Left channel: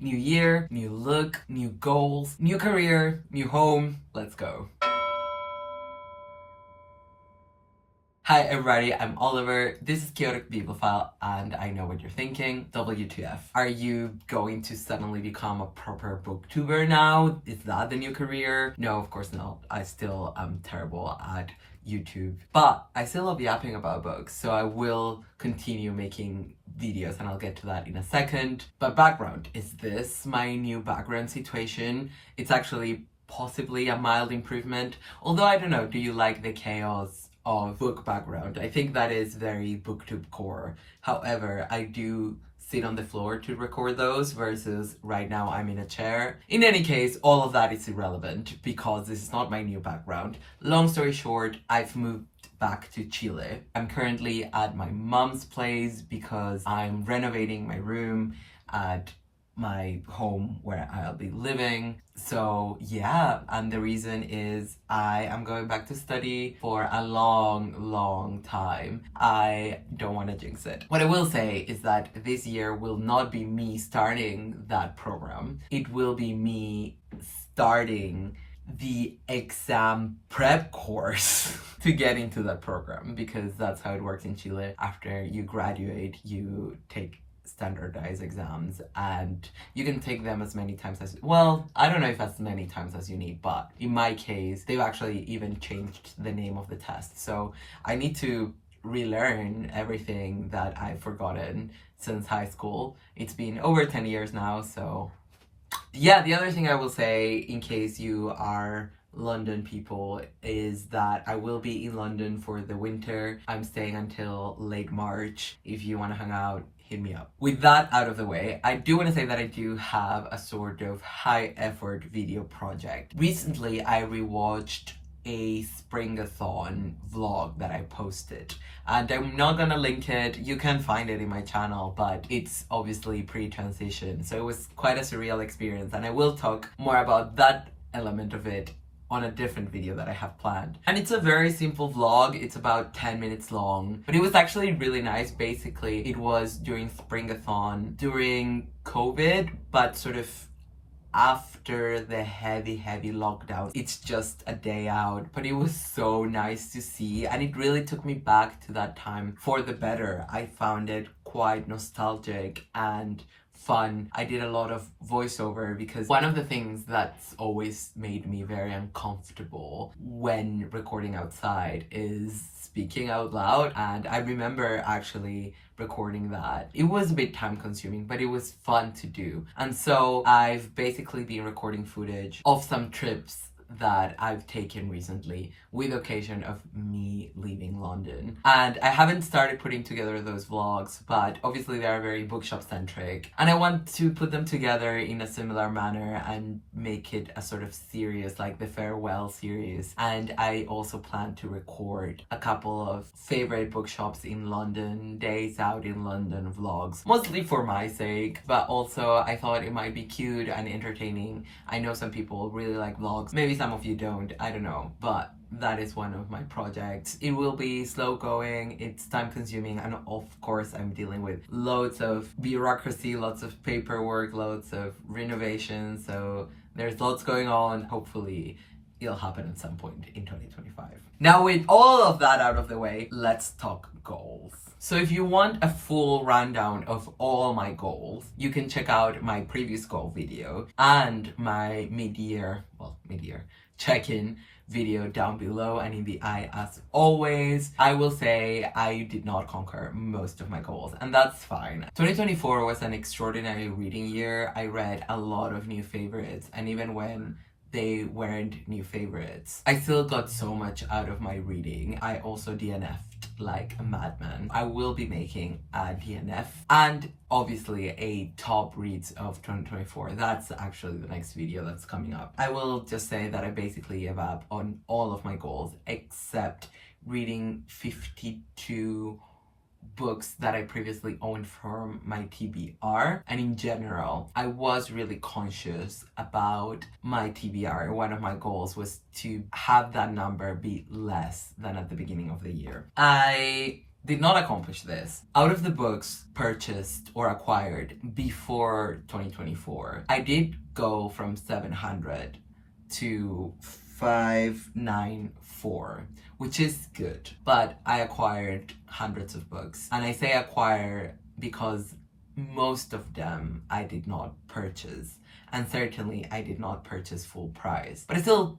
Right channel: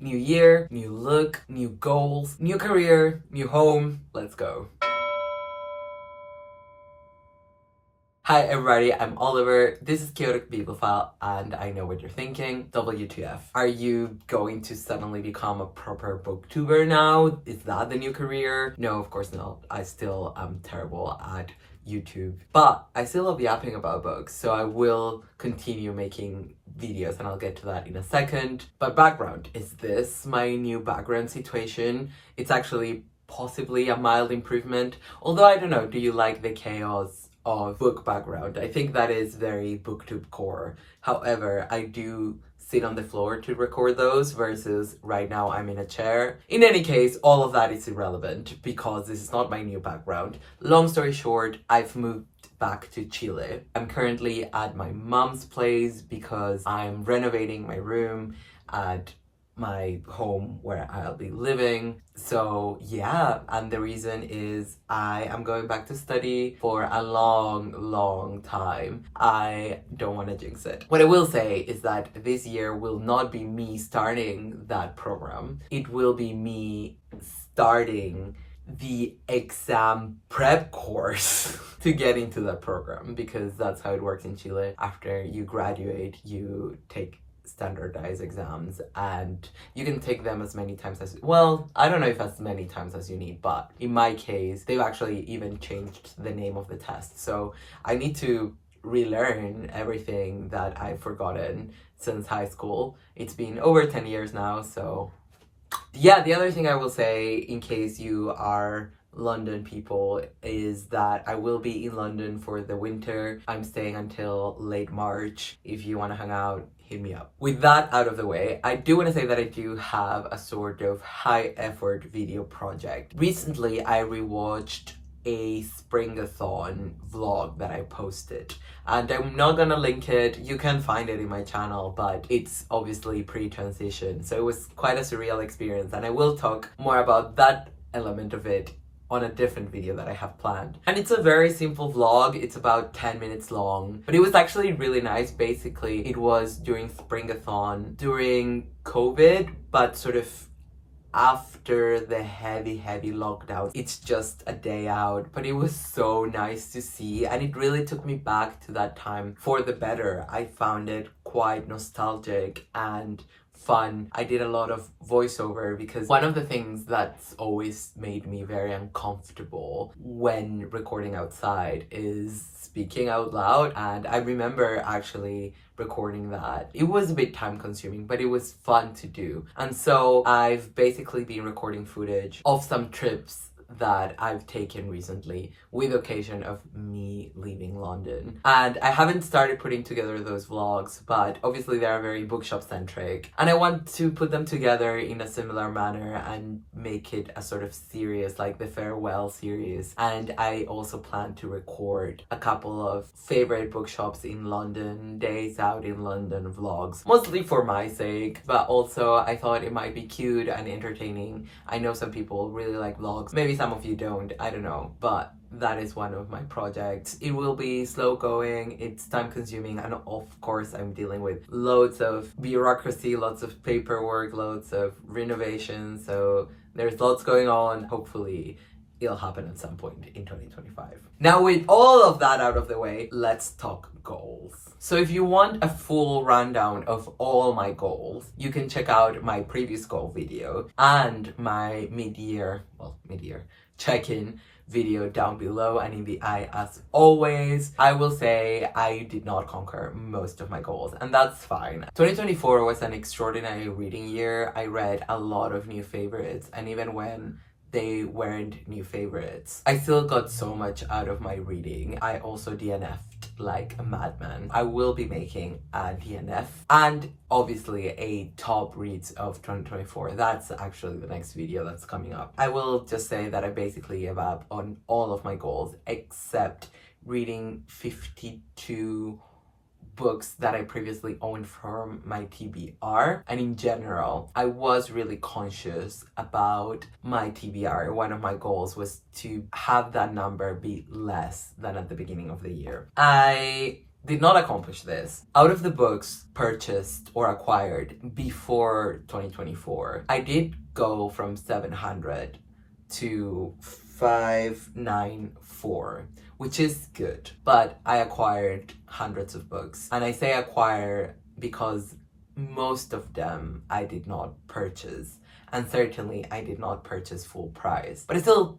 New year, new look, new goals, new career, new home. Let's go. Hi everybody, I'm Oliver. This is Chaotic Bibliophile, and I know what you're thinking. WTF. Are you going to suddenly become a proper booktuber now? Is that the new career? No, of course not. I still am terrible at YouTube, but I still love yapping about books, so I will continue making videos, and I'll get to that in a second. But background, is this my new background situation? It's actually possibly a mild improvement, although I don't know, do you like the chaos of book background? I think that is very booktube core. However, I do sit on the floor to record those versus right now I'm in a chair. In any case, all of that is irrelevant because this is not my new background. Long story short, I've moved back to Chile. I'm currently at my mom's place because I'm renovating my room at my home where I'll be living. So yeah, and the reason is I am going back to study for a long time. I don't want to jinx it. What I will say is that this year will not be me starting that program. It will be me starting the exam prep course to get into that program, because that's how it works in Chile. After you graduate, you take standardized exams and you can take them as many times as, well, I don't know if as many times as you need, but in my case they've actually even changed the name of the test, so I need to relearn everything that I've forgotten since high school. It's been over 10 years now. So yeah, the other thing I will say, in case you are London people, is that I will be in London for the winter. I'm staying until late March. If you want to hang out, hit me up. With that out of the way, I do want to say that I do have a sort of high effort video project. Recently, I rewatched a Springathon vlog that I posted, and I'm not gonna link it. You can find it in my channel, but it's obviously pre-transition, so it was quite a surreal experience, and I will talk more about that element of it on a different video that I have planned. And it's a very simple vlog. It's about 10 minutes long, but it was actually really nice. Basically, it was during Springathon, during COVID, but sort of after the heavy lockdown. It's just a day out, but it was so nice to see, and it really took me back to that time for the better. I found it quite nostalgic and fun. I did a lot of voiceover because one of the things that's always made me very uncomfortable when recording outside is speaking out loud, and I remember actually recording that. It was a bit time consuming, but it was fun to do. And so I've basically been recording footage of some trips that I've taken recently with occasion of me leaving London. And I haven't started putting together those vlogs, but obviously they are very bookshop centric, and I want to put them together in a similar manner and make it a sort of series, like the farewell series. And I also plan to record a couple of favorite bookshops in London, days out in London vlogs, mostly for my sake, but also I thought it might be cute and entertaining. I know some people really like vlogs, maybe some of you don't, I don't know, but that is one of my projects. It will be slow going, it's time consuming, and of course I'm dealing with loads of bureaucracy, lots of paperwork, loads of renovation, so there's lots going on. Hopefully it'll happen at some point in 2025. Now, with all of that out of the way, let's talk goals. So if you want a full rundown of all my goals, you can check out my previous goal video and my mid-year check-in video down below and in the eye. As always, I will say I did not conquer most of my goals, and that's fine. 2024 was an extraordinary reading year. I read a lot of new favorites, and even when they weren't new favorites, I still got so much out of my reading. I also DNF'd like a madman. I will be making a DNF and obviously a top reads of 2024. That's actually the next video that's coming up. I will just say that I basically gave up on all of my goals except reading 52 books that I previously owned from my TBR. And in general, I was really conscious about my TBR. One of my goals was to have that number be less than at the beginning of the year. I did not accomplish this. Out of the books purchased or acquired before 2024, I did go from 700 to 594, which is good. But I acquired hundreds of books. And I say acquire because most of them I did not purchase. And certainly I did not purchase full price. But I still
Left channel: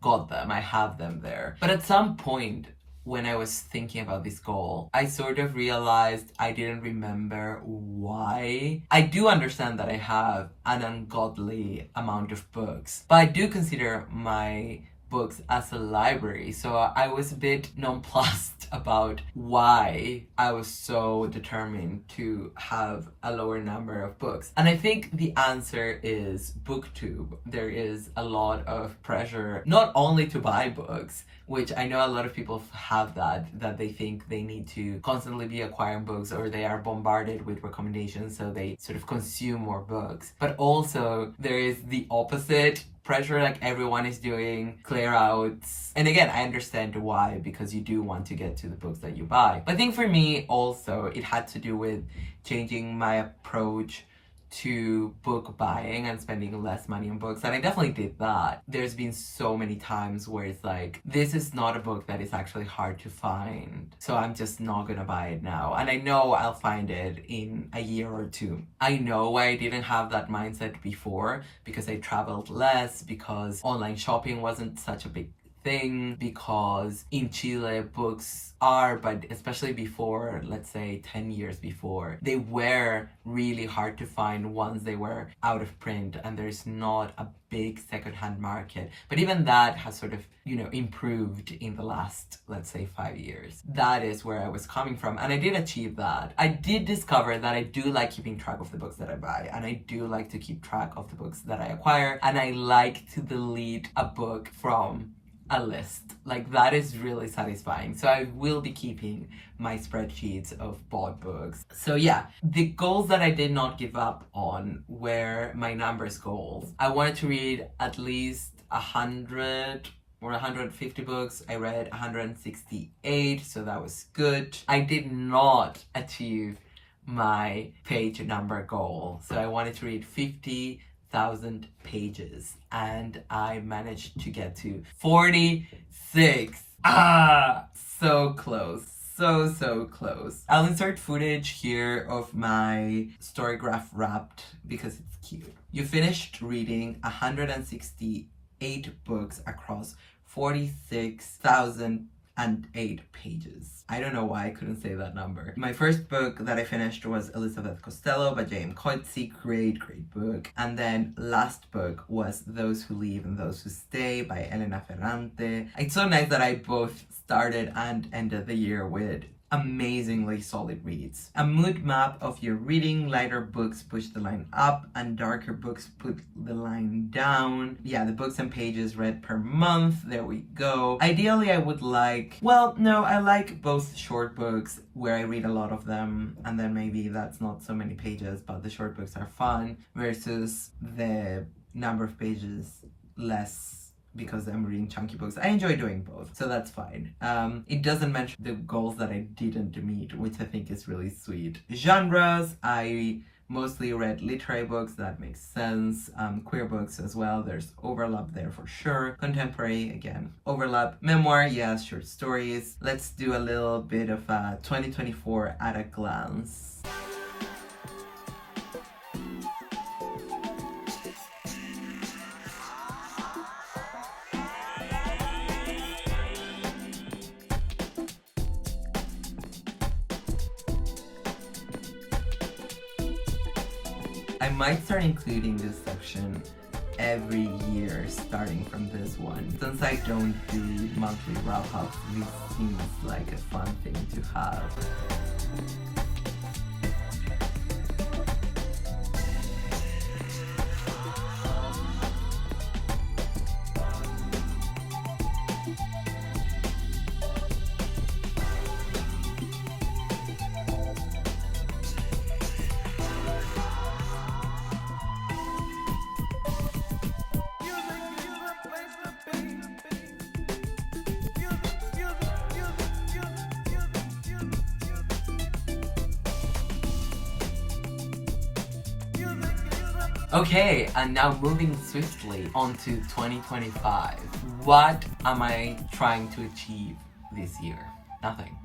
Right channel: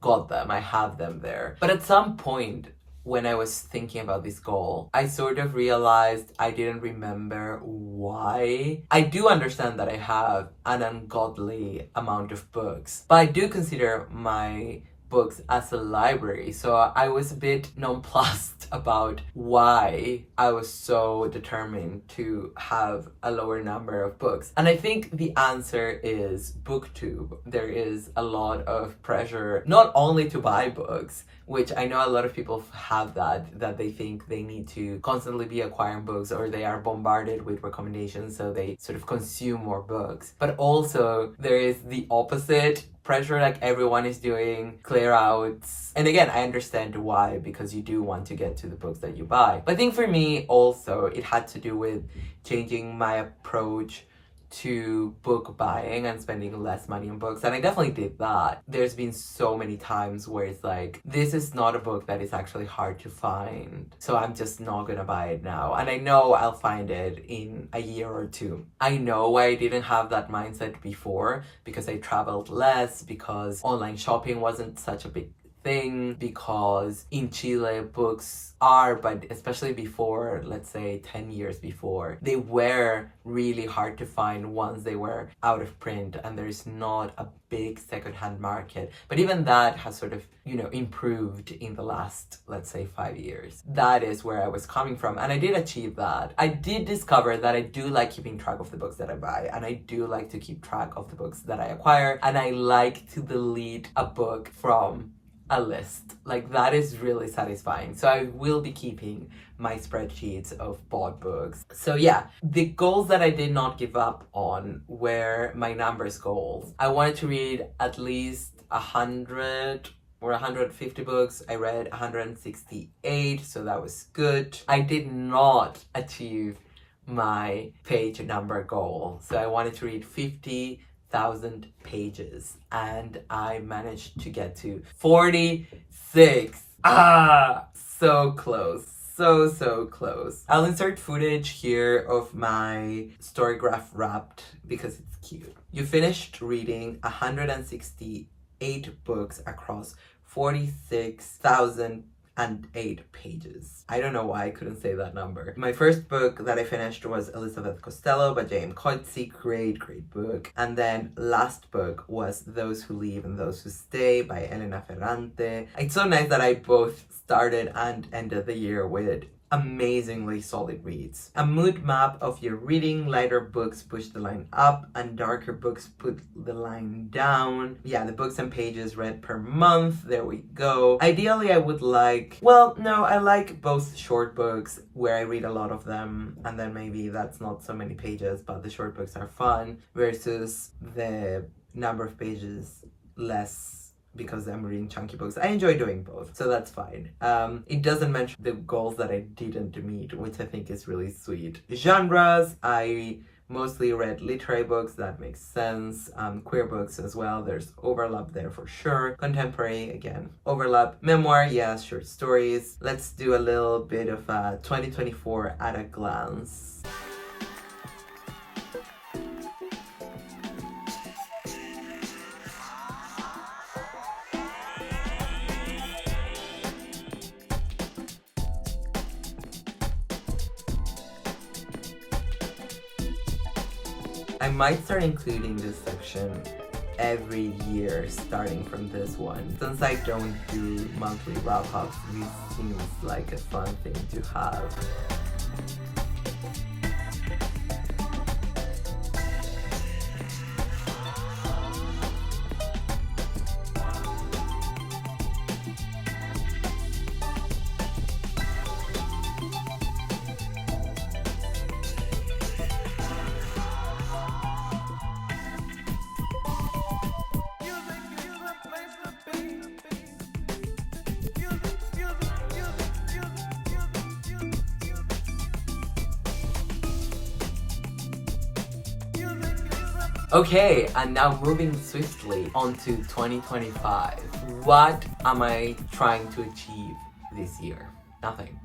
got them. I have them there. But at some point, when I was thinking about this goal, I sort of realized I didn't remember why. I do understand that I have an ungodly amount of books, but I do consider my books as a library. So I was a bit nonplussed about why I was so determined to have a lower number of books. And I think the answer is BookTube. There is a lot of pressure, not only to buy books, which I know a lot of people have that they think they need to constantly be acquiring books, or they are bombarded with recommendations, so they sort of consume more books. But also there is the opposite pressure, like everyone is doing clear outs. And again, I understand why, because you do want to get to the books that you buy. But I think for me also, it had to do with changing my approach to book buying and spending less money on books, and I definitely did that. There's been so many times where it's like, this is not a book that is actually hard to find, so I'm just not gonna buy it now, and I know I'll find it in a year or two. I know I didn't have that mindset before because I traveled less, because online shopping wasn't such a big thing, because in Chile books are, but especially before, let's say 10 years before, they were really hard to find once they were out of print, and there's not a big secondhand market. But even that has sort of, improved in the last, let's say, 5 years. That is where I was coming from, and I did achieve that. I did discover that I do like keeping track of the books that I buy, and I do like to keep track of the books that I acquire, and I like to delete a book from a list. Like, that is really satisfying. So I will be keeping my spreadsheets of bought books. So yeah, the goals that I did not give up on were my numbers goals. I wanted to read at least 100 or 150 books. I read 168, so that was good. I did not achieve my page number goal. So I wanted to read 50,000 pages, and I managed to get to 46. So close. So close. I'll insert footage here of my Storygraph Wrapped because it's cute. You finished reading 168 books across 46,008 pages. I don't know why I couldn't say that number. My first book that I finished was Elizabeth Costello by J.M. Coetzee. Great book. And then last book was Those Who Leave and Those Who Stay by Elena Ferrante. It's so nice that I both started and ended the year with amazingly solid reads. A mood map of your reading. Lighter books push the line up and darker books put the line down. Yeah, the books and pages read per month. There we go. Ideally, I would like, I like both short books where I read a lot of them, and then maybe that's not so many pages, but the short books are fun, versus the number of pages less because I'm reading chunky books. I enjoy doing both, so that's fine. It doesn't mention the goals that I didn't meet, which I think is really sweet. Genres, I mostly read literary books, that makes sense. Queer books as well, there's overlap there for sure. Contemporary, again, overlap. Memoir, yes. Short stories. Let's do a little bit of 2024 at a glance. I might start including this section every year starting from this one. Since I don't do monthly wrap-ups, this seems like a fun thing to have. Okay, and now moving swiftly on to 2025. What am I trying to achieve this year? Nothing.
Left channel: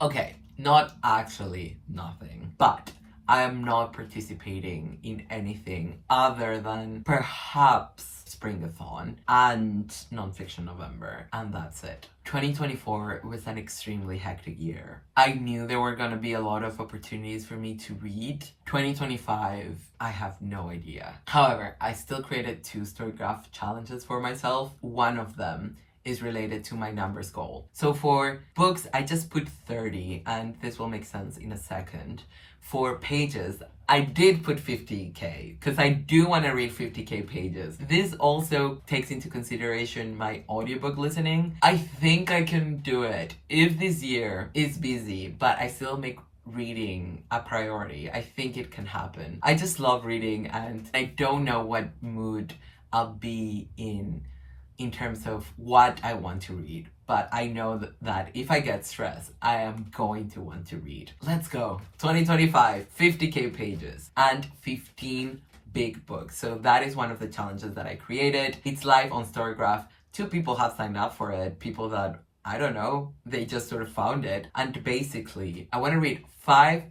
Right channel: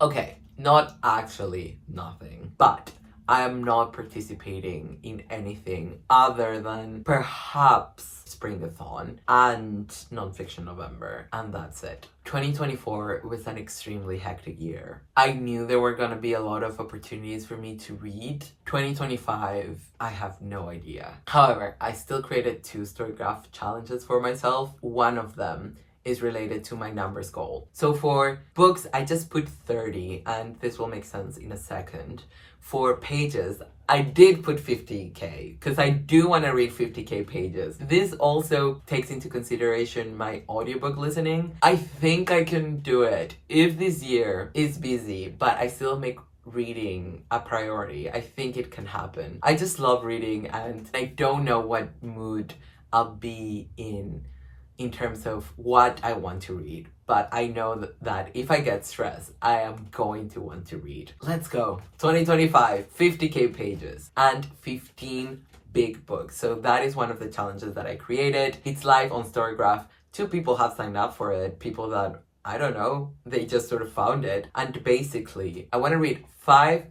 Okay, not actually nothing, but I am not participating in anything other than perhaps Springathon and Nonfiction November, and that's it. 2024 was an extremely hectic year. I knew there were gonna be a lot of opportunities for me to read. 2025, I have no idea. However, I still created 2 Storygraph challenges for myself. One of them is related to my numbers goal. So for books, I just put 30, and this will make sense in a second. For pages, I did put 50k, because I do want to read 50k pages. This also takes into consideration my audiobook listening. I think I can do it if this year is busy, but I still make reading a priority. I think it can happen. I just love reading, and I don't know what mood I'll be in terms of what I want to read, but I know that if I get stressed, I am going to want to read. Let's go. 2025, 50k pages and 15 big books. So that is one of the challenges that I created. It's live on Storygraph. 2 people have signed up for it. People that, I don't know, they just sort of found it. And basically, I want to read 5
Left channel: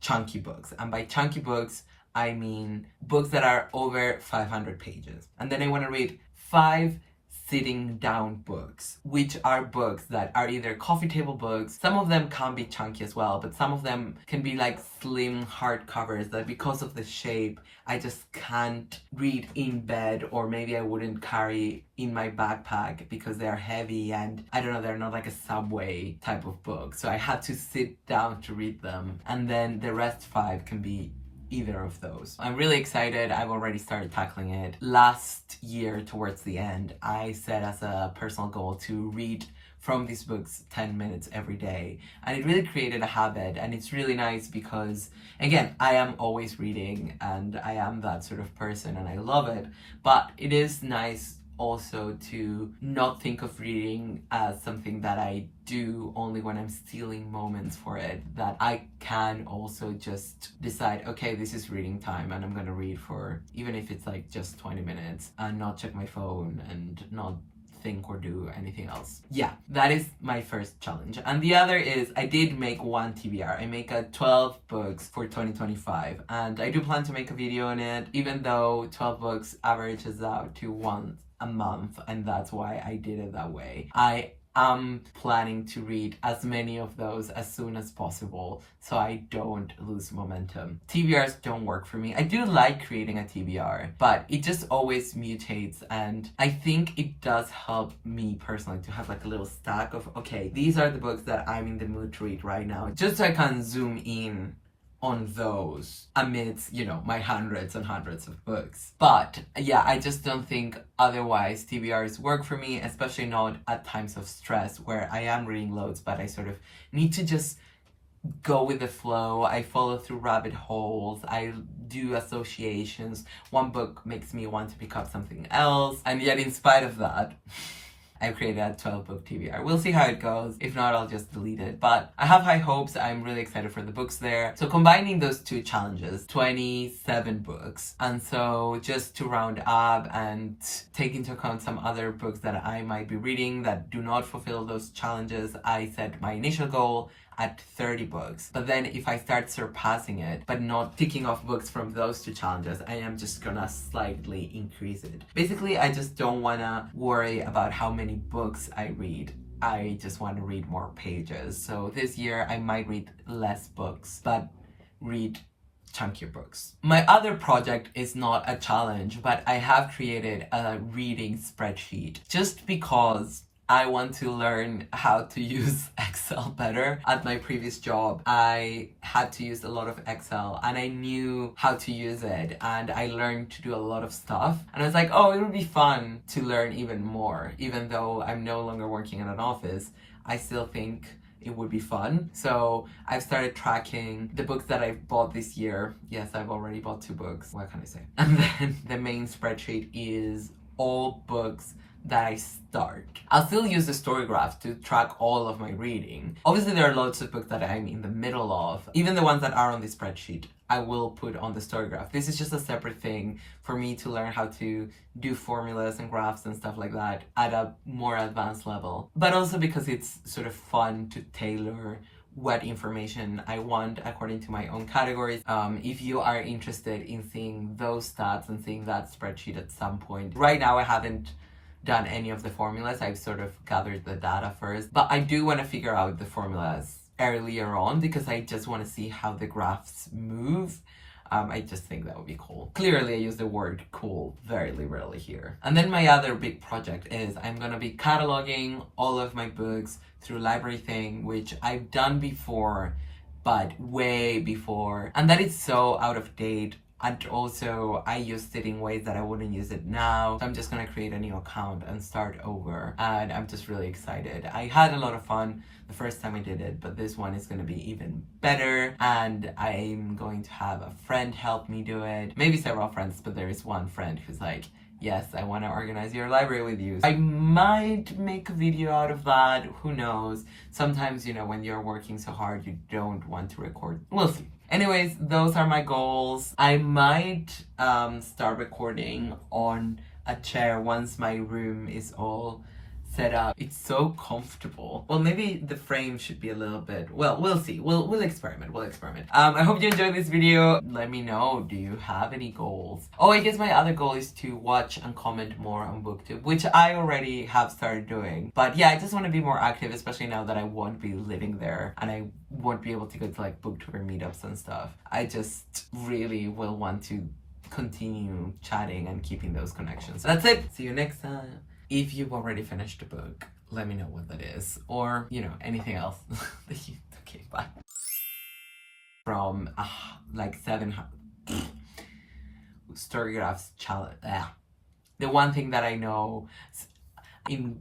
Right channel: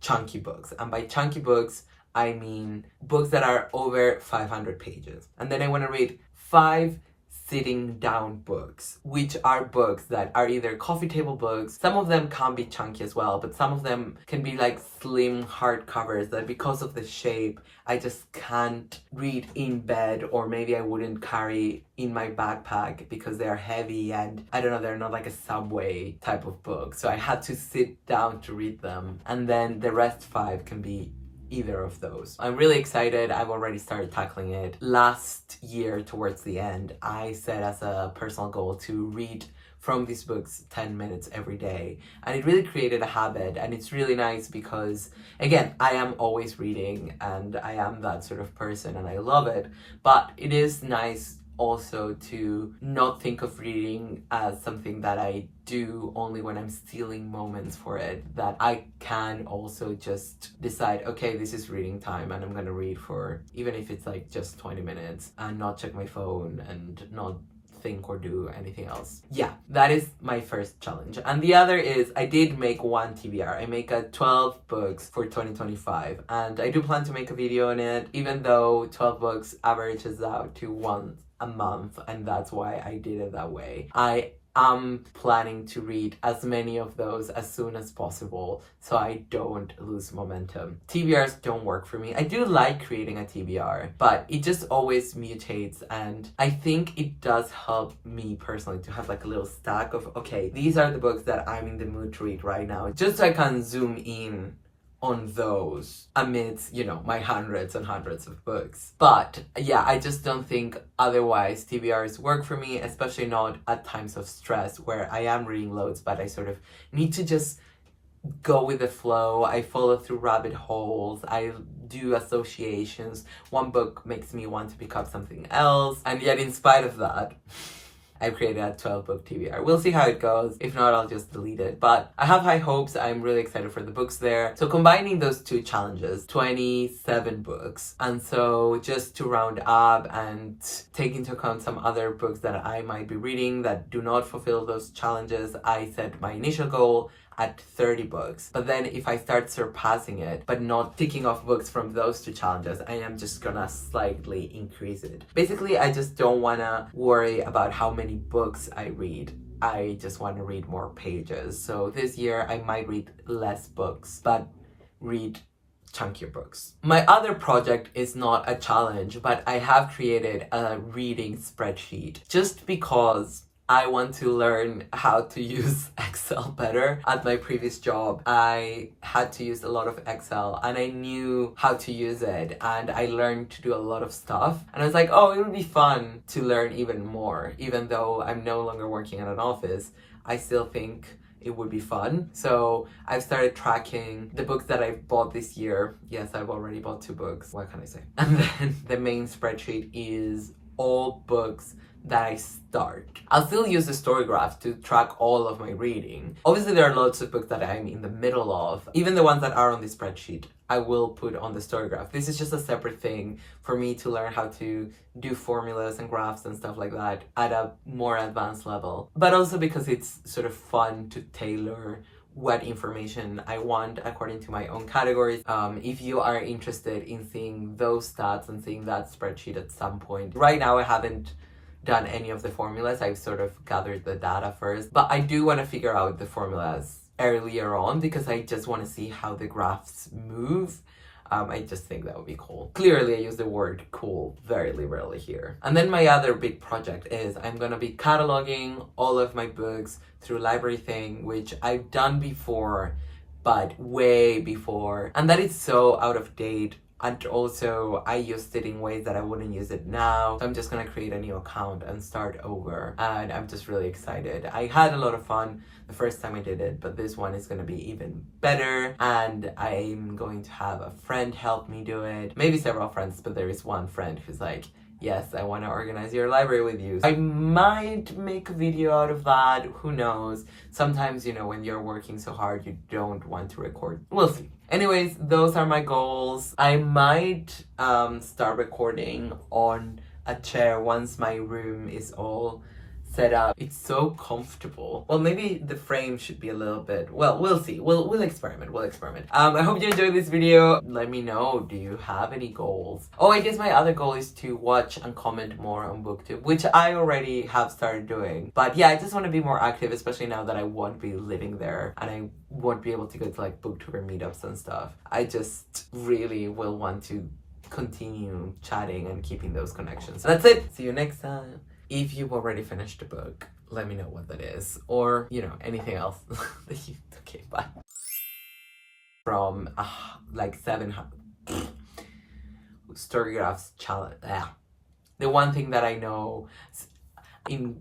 chunky books. And by chunky books, I mean books that are over 500 pages. And then I want to read 5 sitting down books, which are books that are either coffee table books. Some of them can be chunky as well, but some of them can be like slim hardcovers that because of the shape, I just can't read in bed, or maybe I wouldn't carry in my backpack because they're heavy and I don't know, they're not like a subway type of book. So I had to sit down to read them. And then the rest 5 can be either of those. I'm really excited. I've already started tackling it. Last year, towards the end, I set as a personal goal to read from these books 10 minutes every day. And it really created a habit. And it's really nice because, again, I am always reading and I am that sort of person and I love it. But it is nice also to not think of reading as something that I do only when I'm stealing moments for it, that I can also just decide, okay, this is reading time and I'm gonna read for, even if it's like just 20 minutes, and not check my phone and not think or do anything else. Yeah, that is my first challenge. And the other is I did make one TBR. I make a 12 books for 2025 and I do plan to make a video on it, even though 12 books averages out to once a month, and that's why I did it that way. I am planning to read as many of those as soon as possible so I don't lose momentum. TBRs don't work for me. I do like creating a TBR, but it just always mutates, and I think it does help me personally to have like a little stack of, okay, these are the books that I'm in the mood to read right now, just so I can zoom in on those amidst, you know, my hundreds and hundreds of books. But yeah, I just don't think otherwise TBRs work for me, especially not at times of stress where I am reading loads, but I sort of need to just go with the flow. I follow through rabbit holes. I do associations. One book makes me want to pick up something else. And yet in spite of that, I've created a 12 book TBR. We'll see how it goes. If not, I'll just delete it. But I have high hopes. I'm really excited for the books there. So combining those 2 challenges, 27 books. And so just to round up and take into account some other books that I might be reading that do not fulfill those challenges, I set my initial goal at 30 books. But then if I start surpassing it, but not ticking off books from those 2 challenges, I am just gonna slightly increase it. Basically, I just don't wanna worry about how many books I read. I just want to read more pages. So this year I might read less books, but read chunkier books. My other project is not a challenge, but I have created a reading spreadsheet just because I want to learn how to use Excel better. At my previous job, I had to use a lot of Excel and I knew how to use it and I learned to do a lot of stuff. And I was like, oh, it would be fun to learn even more. Even though I'm no longer working in an office, I still think it would be fun. So I've started tracking the books that I've bought this year. Yes, I've already bought 2 books. What can I say? And then the main spreadsheet is all books that I start. I'll still use the Storygraph to track all of my reading. Obviously, there are loads of books that I'm in the middle of. Even the ones that are on the spreadsheet, I will put on the Storygraph. This is just a separate thing for me to learn how to do formulas and graphs and stuff like that at a more advanced level. But also because it's sort of fun to tailor what information I want according to my own categories. If you are interested in seeing those stats and seeing that spreadsheet at some point. Right now I haven't done any of the formulas. I've sort of gathered the data first, but I do want to figure out the formulas earlier on because I just want to see how the graphs move. I just think that would be cool. Clearly, I use the word cool very liberally here. And then my other big project is I'm gonna be cataloging all of my books through Library Thing, which I've done before, but way before. And that is so out of date. And also, I used it in ways that I wouldn't use it now. So I'm just gonna create a new account and start over. And I'm just really excited. I had a lot of fun the first time I did it, but this one is gonna be even better. And I'm going to have a friend help me do it. Maybe several friends, but there is one friend who's like, yes, I wanna organize your library with you. I might make a video out of that, who knows? Sometimes, you know, when you're working so hard, you don't want to record. We'll see. Anyways, those are my goals. I might start recording on a chair once my room is all set up. It's so comfortable. Well, maybe the frame should be a little bit, well, we'll see. We'll experiment. I hope you enjoyed this video. Let me know, do you have any goals? Oh, I guess my other goal is to watch and comment more on BookTube, which I already have started doing. But yeah, I just want to be more active, especially now that I won't be living there and I won't be able to go to like booktuber meetups and stuff. I just really will want to continue chatting and keeping those connections. That's it. See you next time. If you've already finished the book, let me know what that is. Or, you know, anything else that you... Okay, bye. From, like 700... Storygraphs challenge... The one thing that I know... in...